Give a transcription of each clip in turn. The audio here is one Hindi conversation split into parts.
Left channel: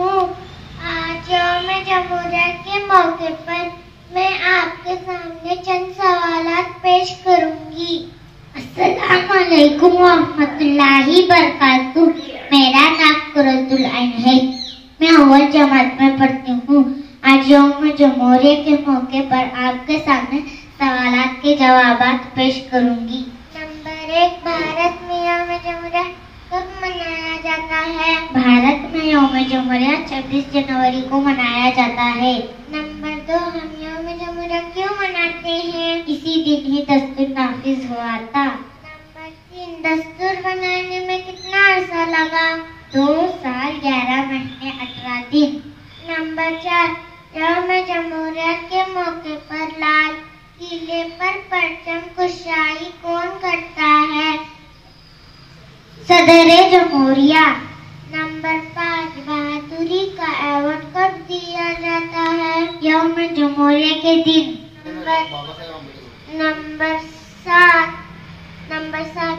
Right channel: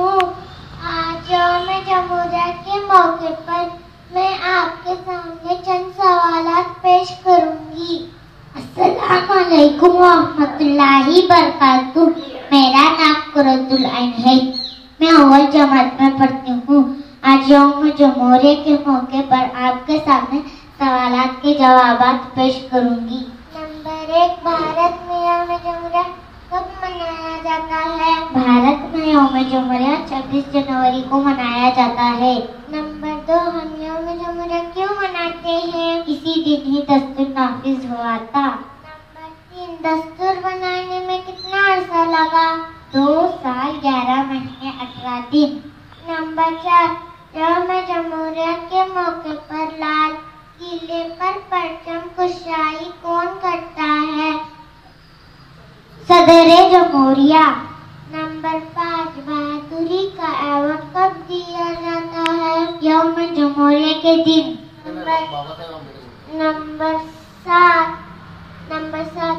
हूँ। आज यौम जमहूरिया के मौके पर मैं आपके सामने चंद सवालात पेश करूंगी। अस्सलाम वालेकुम व रहमतुल्लाहि बरकातुहू। मेरा नाम कुरतुल ऐन है। मैं अव्वल जमात में पढ़ती हूँ। आज यौम जमहूरिया के मौके पर आपके सामने सवालात के जवाबात पेश करूंगी। नंबर 1, भारत में यौम जमहूरिया कब मनाया जाता है? भारत में यौम जमहूरिया 26 जनवरी को मनाया जाता है। नंबर 2, हम यौम जमहूरिया क्यों मनाते हैं? इसी दिन ही दस्तूर नाफिज हुआ था। नंबर 3, दस्तूर बनाने में कितना अर्सा लगा? 2 साल 11 महीने 18 दिन। नंबर 4, यौम जमहूरिया के मौके पर लाल किले पर परचम कुशाई कौन करता है? सदर जमहूरिया। नंबर 5, बहादुरी का अवार्ड कब दिया जाता है? यौम जमहूरिया के दिन। नंबर 7,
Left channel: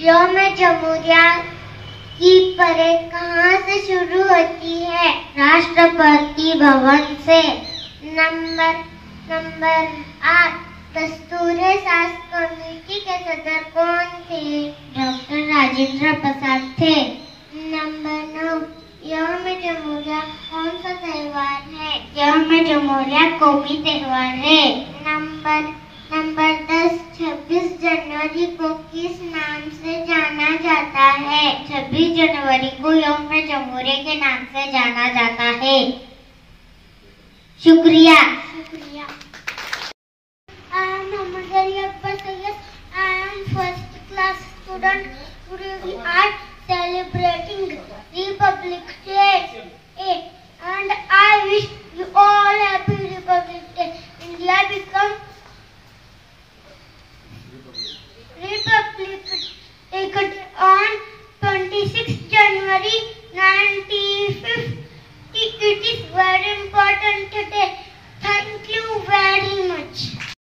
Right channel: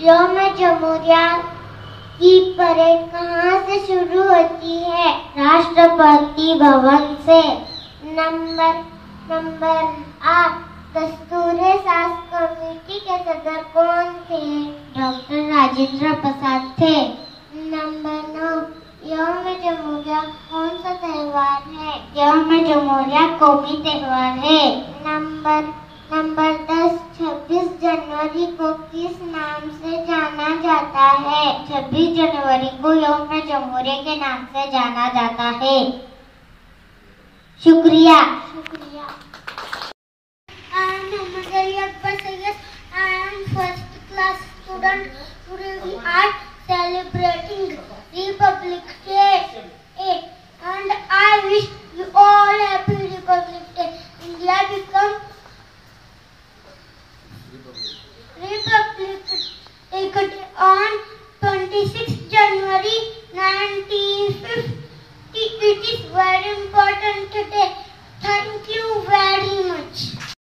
यौम जमहूरिया की परेड कहाँ से शुरू होती है? राष्ट्रपति भवन से। नंबर 8, दस्तूर साज कमेटी के सदर कौन थे? डॉक्टर राजेंद्र प्रसाद थे। नंबर 9, यौम जमहूरिया कौन सा त्योहार है? यौम जमहूरिया कौमी त्योहार है। नंबर 10, 26 जनवरी को किस नाम से जाना जाता है? 26 जनवरी को यौम जमहूरिया के नाम से जाना जाता है। शुक्रिया।